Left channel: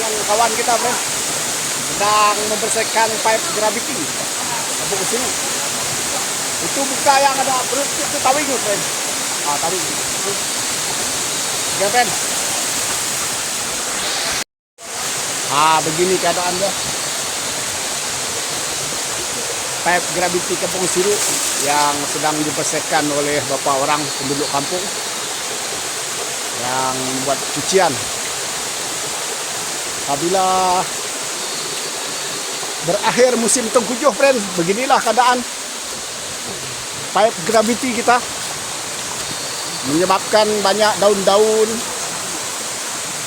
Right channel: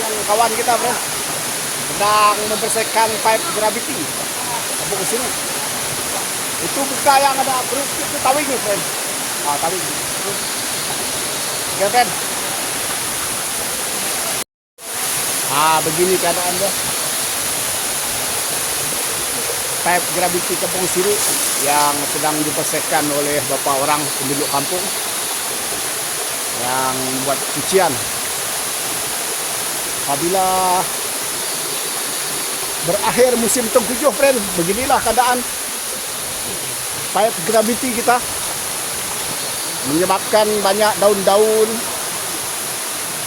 yang kawan kita bro sedang membersihkan pipe gravity buku sini. Itu buka yang ada itu tawing itu friend. Ah tawing. Oke friend. Begini keadaannya. Pipe gravity Kampung Siru yang sedang dibersihkan oleh beberapa orang penduduk kampung yang buat cucian. Apabila berakhir musim tengkujuh friend, beginilah keadaan pipe gravity kita, menyebabkan banyak daun-daun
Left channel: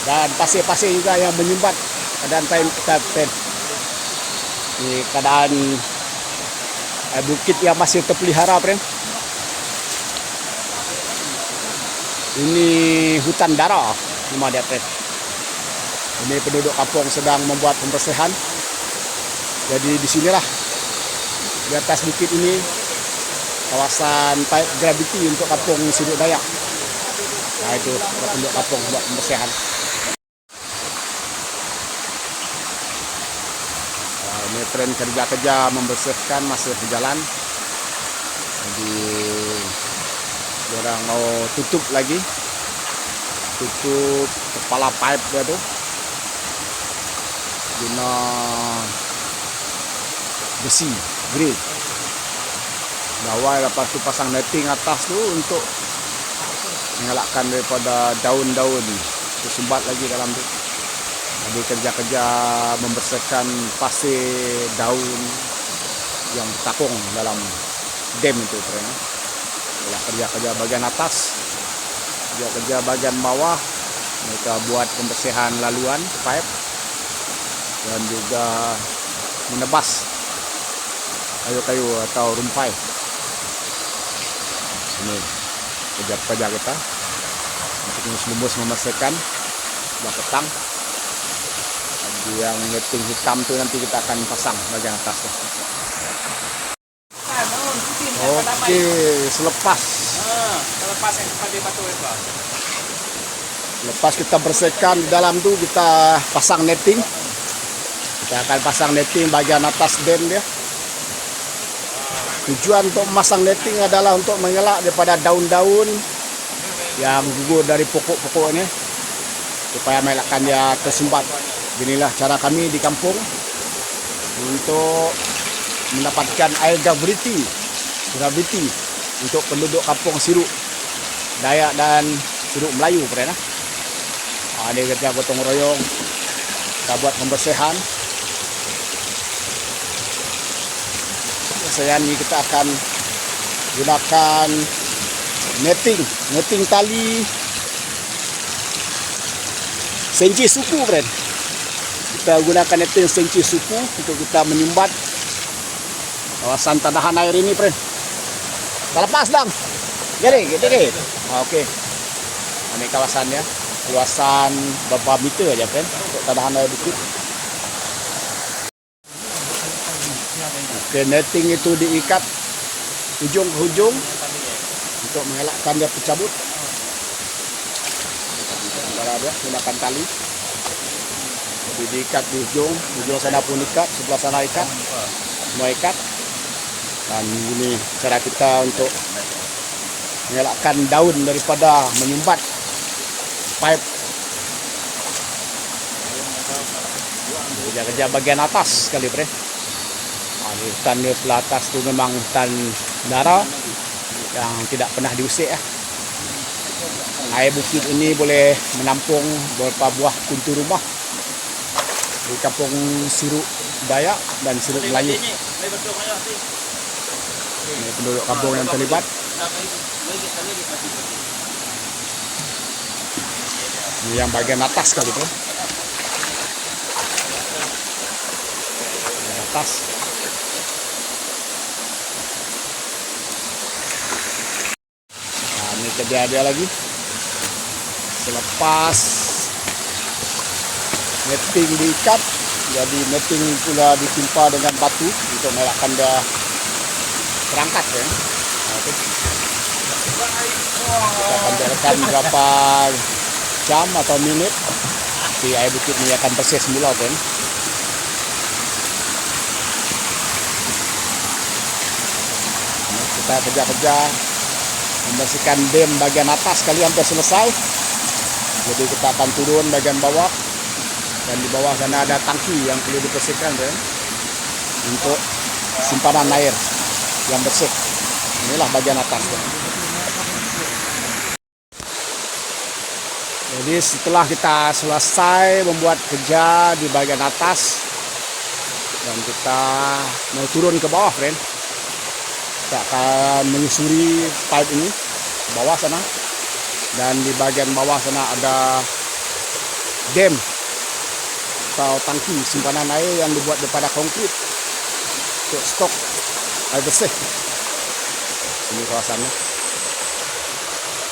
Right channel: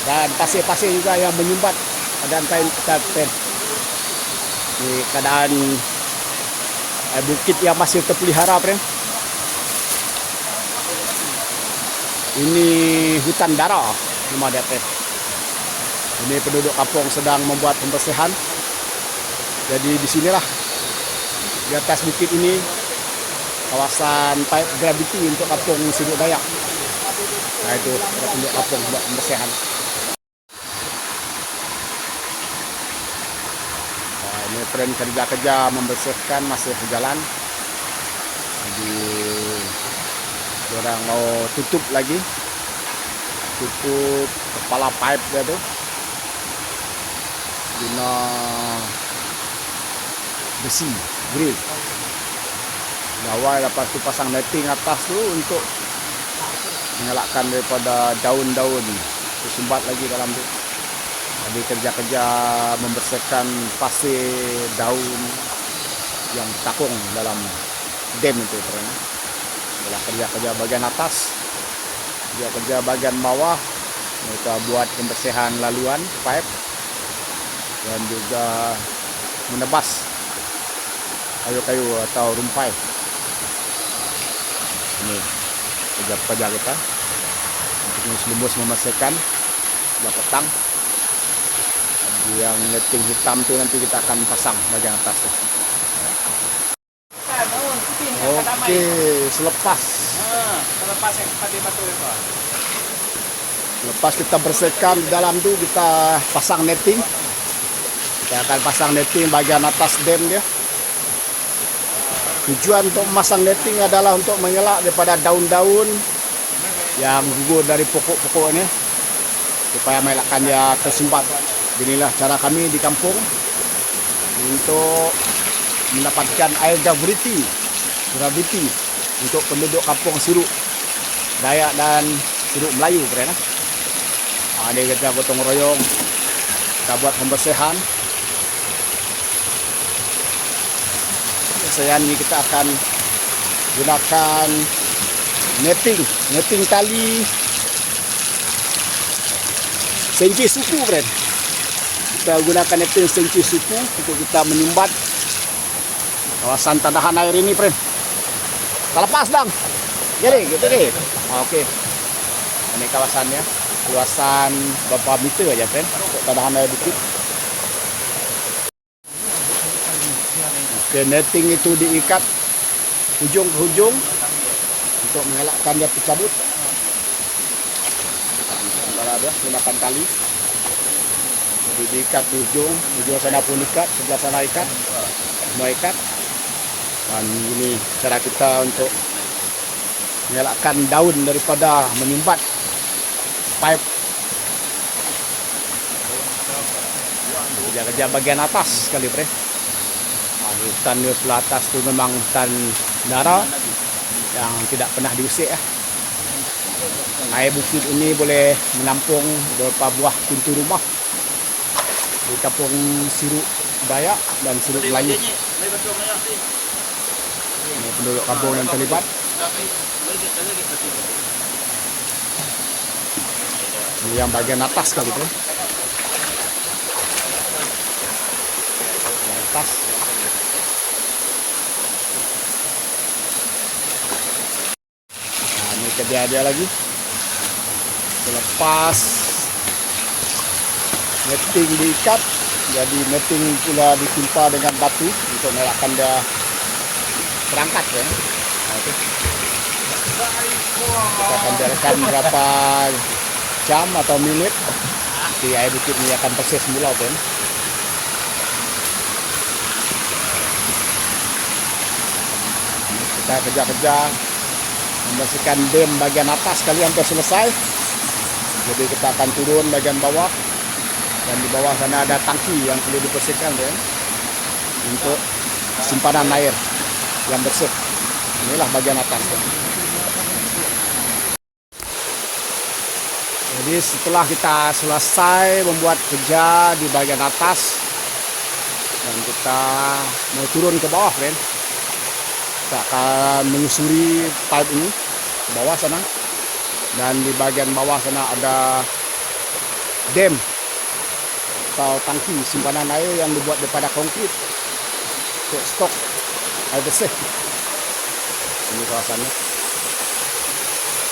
dan pasir-pasir juga yang menyumbat dan pipe. Ini keadaan bukit yang masih terpelihara friend. Ini hutan dara rumah dia friend. Ini penduduk kampung sedang membuat pembersihan. Jadi di sinilah di atas bukit ini kawasan pipe gravity untuk kampung Siru Dayak. Nah itu penduduk kampung buat pembersihan. Ini tren kerja-kerja membersihkan masih berjalan. Jadi orang mau tutup lagi, tutup kepala pipe itu guna besi grade. Awal lepas tu pasang netting atas tu untuk mengelakkan daripada daun-daun tersumbat lagi dalam tu. Jadi kerja-kerja membersihkan pasir daun yang takung dalam dam itu kerana kerja-kerja bagian atas, kerja-kerja bagian bawah, kita buat pembersihan laluan pipe dan juga menebas kayu-kayu atau rumpai. Ini kerja-kerja kita untuk lumus memastikan petang. Yang netting hitam tu nanti kita akan pasang bagian atas tu. Oke, selepas kita bersihkan di dalam tu, kita pasang netting. Kita akan pasang netting bagian atas dam dia. Tujuan untuk memasang netting adalah untuk mengelak daripada daun-daun yang gugur dari pokok-pokok ini supaya mengelakkan dia tersumbat. Inilah cara kami di kampung untuk mendapatkan air gravity untuk penduduk kampung Siru Dayak dan Siru Melayu. Ini kita gotong royong, kita buat pembersihan. Ini kita akan gunakan netting tali senci suku friend. Kita gunakan netting senci suku untuk kita menyumbat kawasan tanahan air ini friend. Kita lepas dong. Jadi. Oke. Ini kawasannya, luasan berapa meter aja friend, tanahan air bukit. Oke, netting itu diikat ujung ke ujung untuk mengelakkan dia tercabut. Gunakan tali, jadi diikat di ujung sana pun ikat, sebelah sana ikat, semua ikat. Dan ini cara kita untuk mengelakkan daun daripada menyumbat pipe. Kerja-kerja bagian atas sekali bre. Hutan di sebelah atas itu memang hutan dara yang tidak pernah diusik. Air bukit ini boleh menampung beberapa buah pintu rumah di kampung Siru Dayak dan Siru Melayu. Ini penduduk kampung yang terlibat. Ini yang bagian atas kali itu. Atas. Nah, ini kerja dia lagi. Selepas netting diikat, jadi netting pula ditimpa dengan batu untuk mengelakkan dia terangkat. Akan biarkan berapa jam atau menit Nanti air bukit ini akan bersih semula kan. Kita kerja-kerja membersihkan dam bagian atas kali hampir selesai. Jadi kita akan turun bagian bawah, dan di bawah sana ada tangki yang perlu dibersihkan kan, untuk simpanan air yang bersih. Inilah bagian atas. Jadi setelah kita selesai membuat kerja di bagian atas dan kita mau turun ke bawah, friend, kita akan menyusuri pipe ini ke bawah sana. Dan di bagian bawah sana ada dam atau tangki simpanan air yang dibuat daripada konkrit untuk stok air bersih. Ini kawasannya.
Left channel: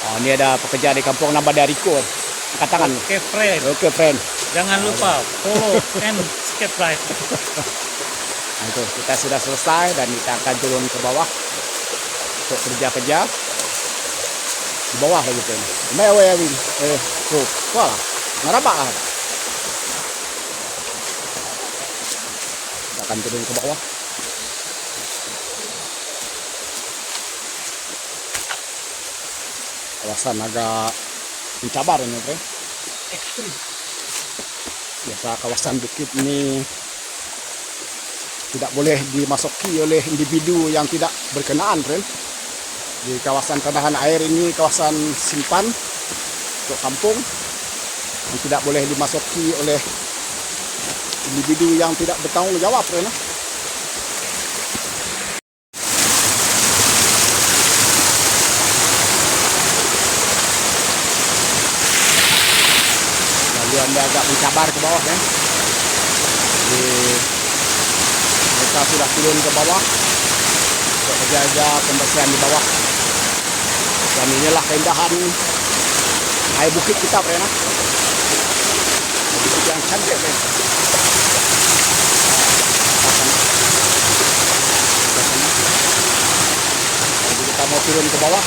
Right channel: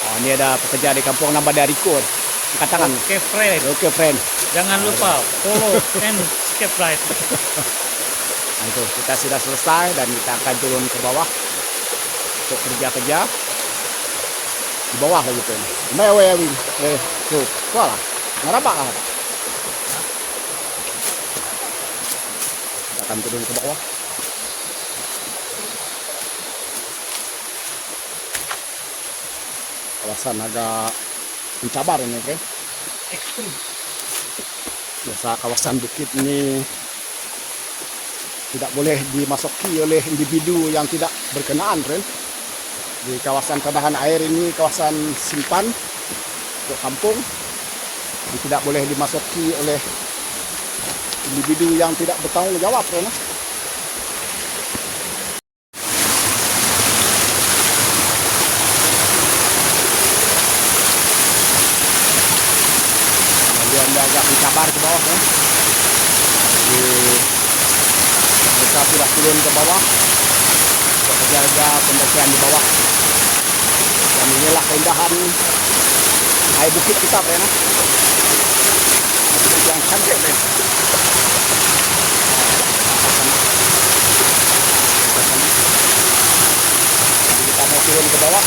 Oh, ini ada pekerja di kampung Nambah Riko. Angkat tangan. Oke, friend. Oke, friend. Jangan lupa and subscribe. Nah, itu kita sudah selesai dan kita akan turun ke bawah untuk kerja-kerja di bawah gitu. Mewewin. Wah, kenapa? Akan turun ke bawah. Kawasan agak mencabar ini, kan? Biasa kawasan bukit ini tidak boleh dimasuki oleh individu yang tidak berkenaan, friend. Di kawasan kadahan air ini kawasan simpan untuk kampung, dan tidak boleh dimasuki oleh individu yang tidak bertanggung jawab, friend. Dia agak mencabar ke bawah, ya. Kita sudah turun ke bawah, jaga pembersihan di bawah. Dan inilah keindahan air bukit kita, Prena. Bukit yang cantik, Prena. Jadi kita mau turun ke bawah.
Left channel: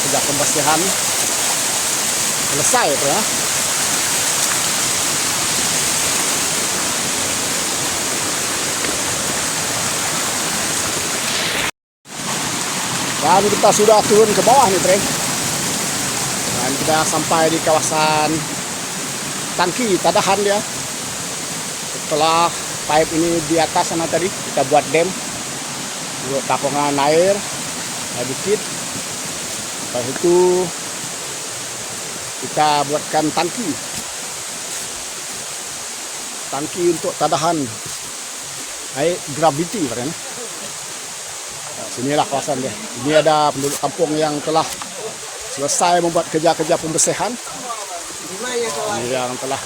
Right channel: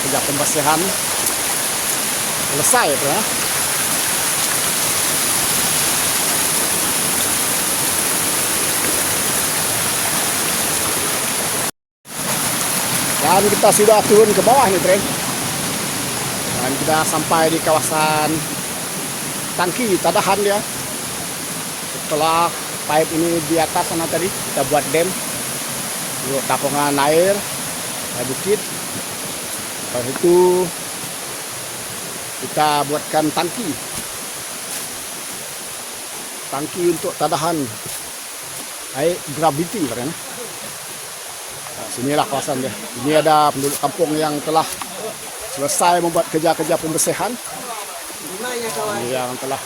Sudah pembersihan selesai, ya. Dan kita sudah turun ke bawah nih, friend. Dan kita sampai di kawasan tangki tadahan, ya. Setelah pipe ini di atas sana tadi kita buat dam untuk tapungan air bukit. Setelah itu kita buatkan tangki untuk tadahan air gravity, friend. Sinilah kawasannya. Ini ada penduduk kampung yang telah selesai membuat kerja-kerja pembersihan. Ini yang telah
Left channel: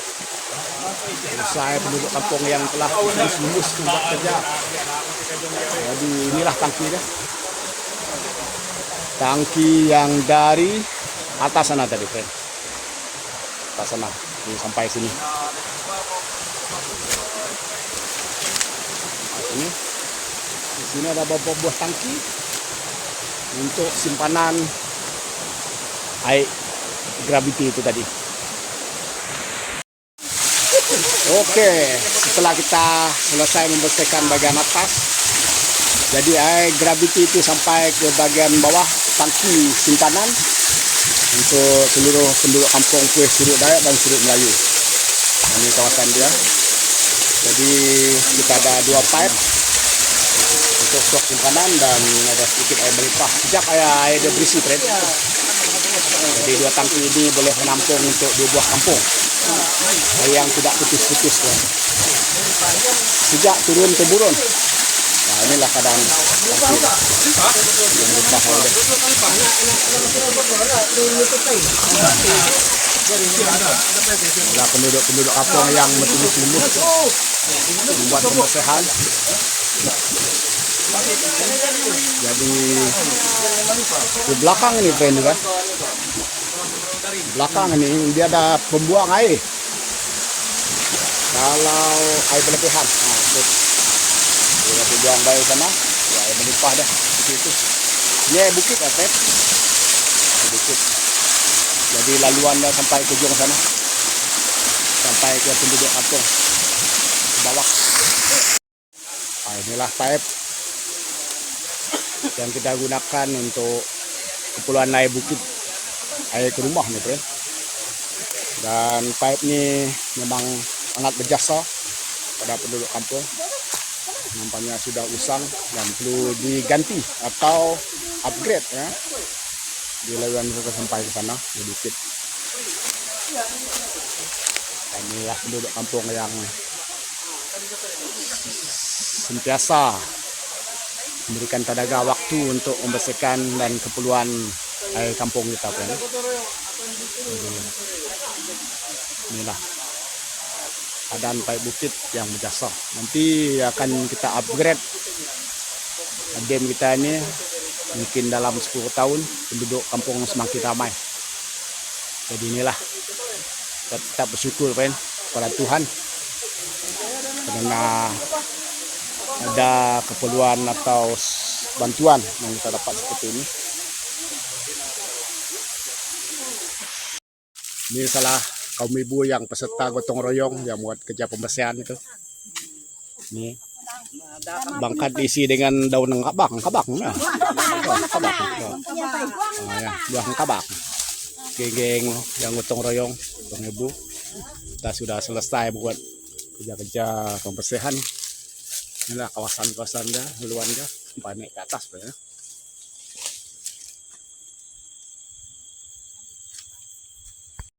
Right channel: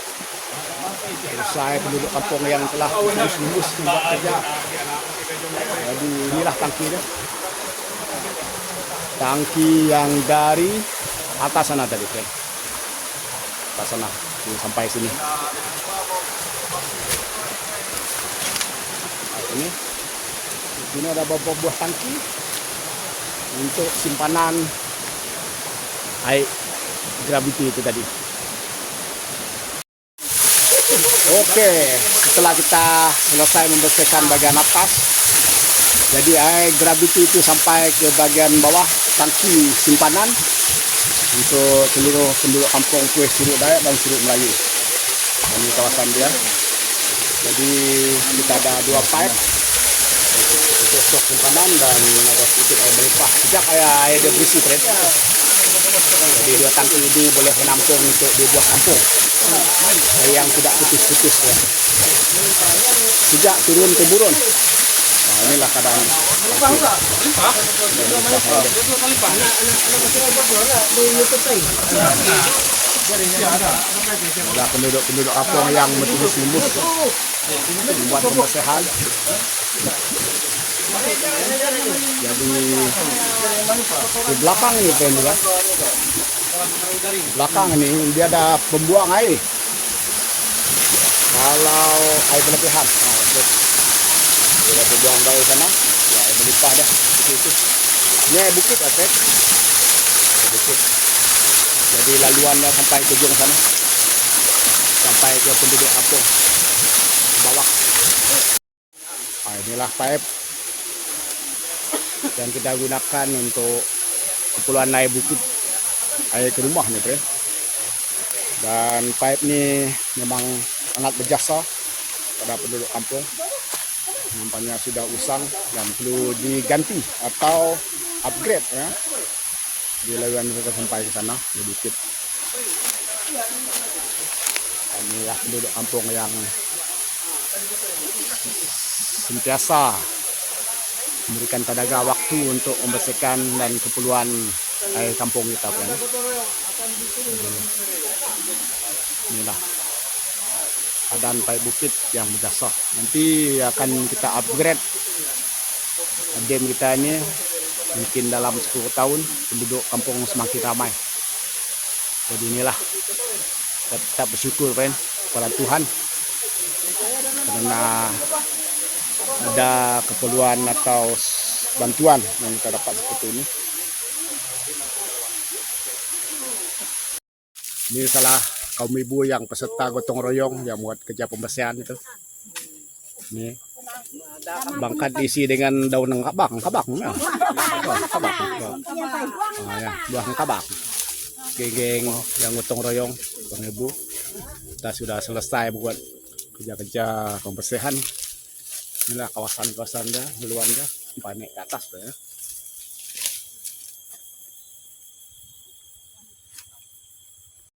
selesai, penduduk kampung yang telah lulus membuat kerja. Jadi inilah tangkinya. Tangki yang dari atas sana tadi, friend. Atas sana, ini sampai sini. Ini. Di sini ada beberapa buah tangki untuk simpanan air gravity itu tadi. Oke, setelah kita selesai membersihkan bagian atas, jadi air gravity itu sampai ke bagian bawah tangki simpanan untuk seluruh penduduk kampung Kuih Surut Dayak dan Surut Melayu. Ini kawasan dia. Jadi kita ada dua pipe untuk stok simpanan dan ada sedikit air melimpah. Sejak air bersih, friend. Jadi dua tangki ini boleh menampung untuk dua buah kampung. Air yang tidak putus-putus, ya. Sejak turun ke burun. Nah, inilah keadaan. Ada penduduk kampung yang membuat pembersihan. Jadi di belakang nih, friend, ya. Di belakang ini dia ada pembuang air. Kalau air berlebihan, dia pembuang air sana, ya, air melimpah dia. Itu. Ini air bukit, friend. bukit. Jadi laluannya sampai ke ujung sana, sampai ke penduduk kampung bawah. Inilah pipe yang kita gunakan untuk keperluan naik bukit air ke rumah gitu ya. Dan pipe ini memang sangat berjasa pada penduduk kampung. Nampaknya sudah usang dan perlu diganti atau upgrade ya. Di laluan kita sampai ke sana di bukit. Inilah penduduk kampung yang sentiasa memberikan tenaga waktu untuk membersihkan dan keperluan air kampung kita kan. Inilah keadaan pipe bukit yang berjasa. Nanti akan kita upgrade dam kita ini, mungkin dalam 10 tahun penduduk kampung semakin ramai. Jadi inilah kita tetap bersyukur kan kepada Tuhan karena ada keperluan atau bantuan yang kita dapat seperti ini. Ini salah kaum ibu yang peserta gotong royong yang buat kerja pembersihan itu. Ini bangkat diisi dengan daun kabak, ya. Ya, buah kabak. Geng-geng yang gotong royong, kaum ibu, kita sudah selesai buat kerja-kerja pembersihan. Inilah kawasan-kawasan dah, luarnya, panik ke atas ya.